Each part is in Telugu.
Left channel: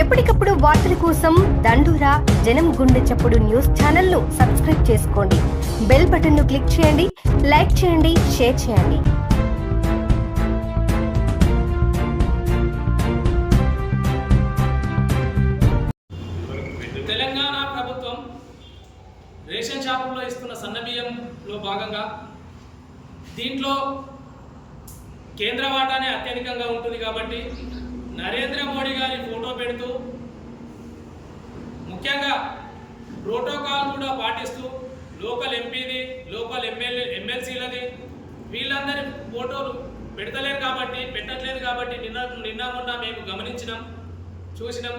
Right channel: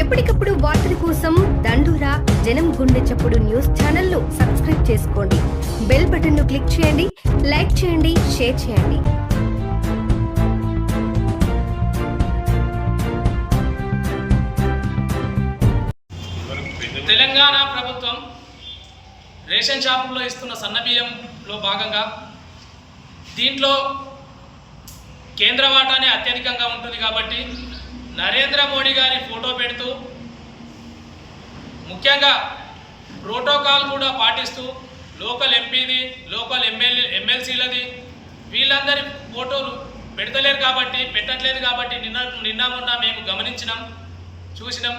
ఎప్పటికప్పుడు వార్తల కోసం దండూరా జనం గుండె చప్పుడు న్యూస్ ఛానల్ను సబ్స్క్రైబ్ చేసుకోండి. బెల్ బటన్ను క్లిక్ చేయండి లైక్ చేయండి షేర్ చేయండి. తెలంగాణ ప్రభుత్వం రేషన్ షాపుల్లో ఇస్తున్న సన్నబియ్యంలో భాగంగా దీంట్లో కేంద్ర వాటానే అత్యధికంగా ఉంటుంది కాబట్టి నరేంద్ర మోడీ గారి ఫోటో పెడుతూ ముఖ్యంగా ప్రోటోకాల్ కూడా పాటిస్తూ లోకల్ ఎంపీది లోకల్ ఎమ్మెల్యే ఎమ్మెల్సీలది వీళ్ళందరి ఫోటోలు పెడతలేరు కాబట్టి పెట్టట్లేదు కాబట్టి నిన్న నిన్న మొన్న మేము గమనించినాం చూసినాం.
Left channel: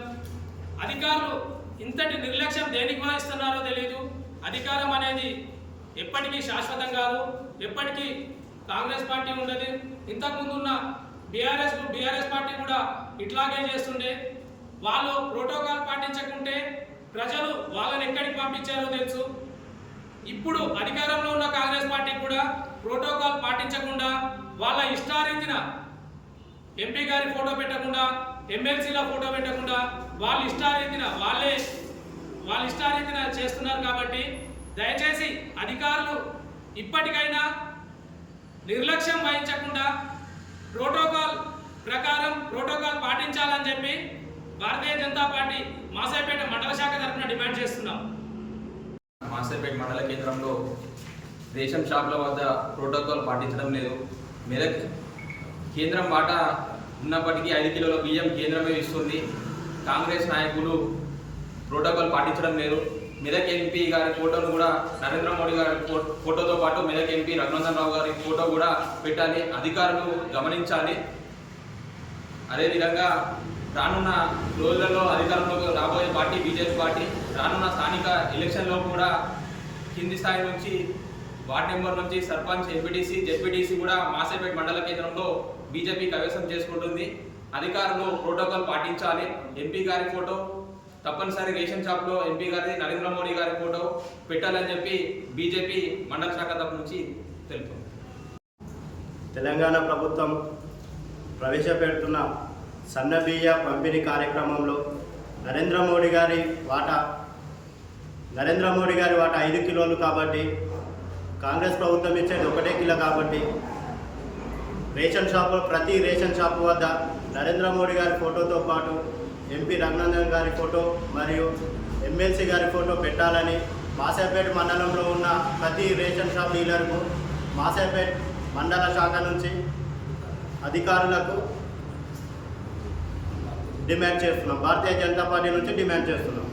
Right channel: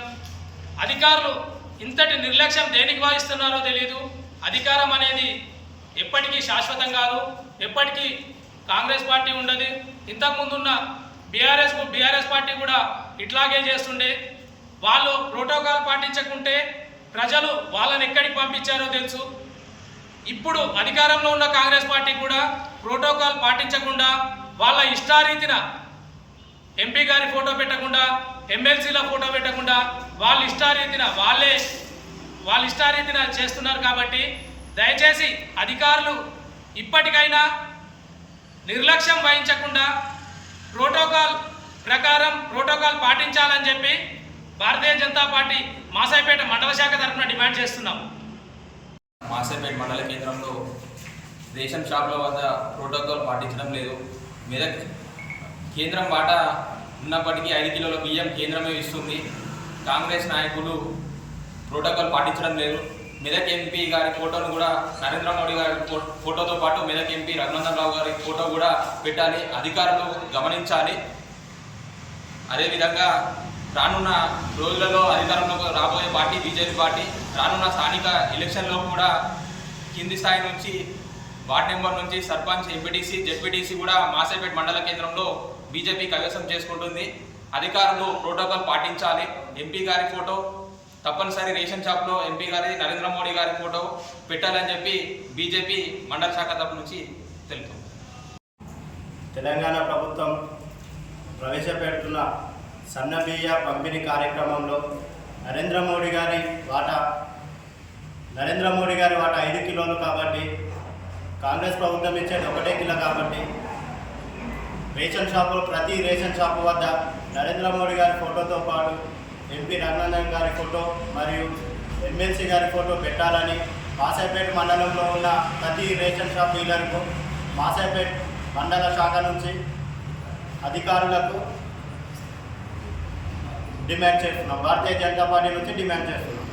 అధికారులు ఇంతటి నిర్లక్ష్యం దేనికి వాయిస్తున్నారో తెలియదు అధికారం అనేది ఎప్పటికీ శాశ్వతం కాదు. ఎప్పటికీ కాంగ్రెస్ పార్టీ ఉండదు. ఇంతకుముందున్న బీఆర్ఎస్ బీఆర్ఎస్ పార్టీ కూడా ఇట్లాగే చేస్తుండే. వాళ్ళు ప్రోటోకాల్ పాటించకుంటే ప్రజలు వాళ్ళని ఎక్కడికి పంపించారో తెలుసు. ఇప్పుడు అధికారంలో ఉన్న కాంగ్రెస్ పార్టీ కూడా ప్రోటోకాల్ పాటించకుండా వాళ్ళ ఇష్టారీతిన ఎంపీ గారి ఫోటో పెట్టకుండా ఎమ్మెల్సీల ఫోటో పెట్టకుండా వాళ్ళ ఇష్టారీతిన వాళ్ళే వాళ్ళ ఇష్టారీతిన చేస్తున్నారు కాబట్టి దయచేసి అధికారులు ఇప్పటికైనా నిర్లక్ష్యం వహించకుండా ప్రోటోకాల్ ప్రకారం ప్రోటోకాల్ పాటించాలని చెప్పి భారతీయ జనతా పార్టీ మాసాయిపేట మండల శాఖ తరఫున డిమాండ్ చేస్తున్నాం. మాసాయిపేట మండల కేంద్రంలో రేషన్ షాపుల వద్ద ప్రోటోకాల్ పాటించడం లేదు. మెదక్ కేంద్రం వాటా ఉన్నప్పటికీ ఐదు కిలోల బియ్యం కేంద్రమే ఇస్తుంది. కాంగ్రెస్ నాయకులు ప్రోటోకాల్ పాటించడం లేదు. మెదక్ ఎంపీ గారి ఫోటోను కూడా నరేంద్ర మోడీ గారి ఫోటోతో పాటు మెదక్ ఎంపీ రఘునందన్ రావు గారి ఫోటో కూడా పెట్టాలి. అధికారులు గమనించాలి. అదేవిధంగా రానున్న రోజులలో అధికారంలోకి రాబోయే పార్టీ బీజేపీ పార్టీ రానున్న స్థానిక ఎలక్షన్లో కూడా కింది స్థాయి నుంచి వార్డ్ నెంబర్ నుంచి సర్పంచ్ ఎంపీటీసీ జెడ్పీటీసీ కూడా మాసేపేట మండల కేంద్రంలో బీజేపీ కవేశం చేసుకుంటుంది. అధికారులు ప్రోటోకాల్ పాటించాలి. ఎంపీ గారి ఫోటో తప్పనిసరి రేషన్ షాప్లో ఎంపీ గారి నరేంద్ర మోడీ గారి ఫోటో పెట్టాలని చెప్పి బీజేపీ మండల శాఖ తరపు నుంచి తెలుపు తెలంగాణ ప్రభుత్వం ప్రవేశపెడుతున్న సన్నబియ్య పంపిణీ కార్యక్రమంలో నరేంద్ర మోడీ గారి వాటా నరేంద్ర మోడీ గారి వాటా ఐదు కిలోలు కాబట్టి కాంగ్రెస్ ప్రభుత్వం ఇచ్చేది ఒకటే కిలో కాబట్టి రేషన్ షాపులో ప్రతి రేషన్ షాపు వద్ద నరేంద్ర మోడీ గారి ఫోటోతో పాటు ఎంపీ రఘునందన్ గారి ఫోటో మరియు ఎమ్మెల్సీ గారి ఫోటో పెట్టాలని మాసేపేట మండలంలో ఉన్న ప్రతి రేషన్ షాప్ డీలర్కు మాసేపేట్ మండల శాఖ నుంచి అధికారులకు డిమాండ్ చేస్తున్నాం. భారతీయ జనతా పార్టీ నుంచి డిమాండ్ చేస్తున్నాం.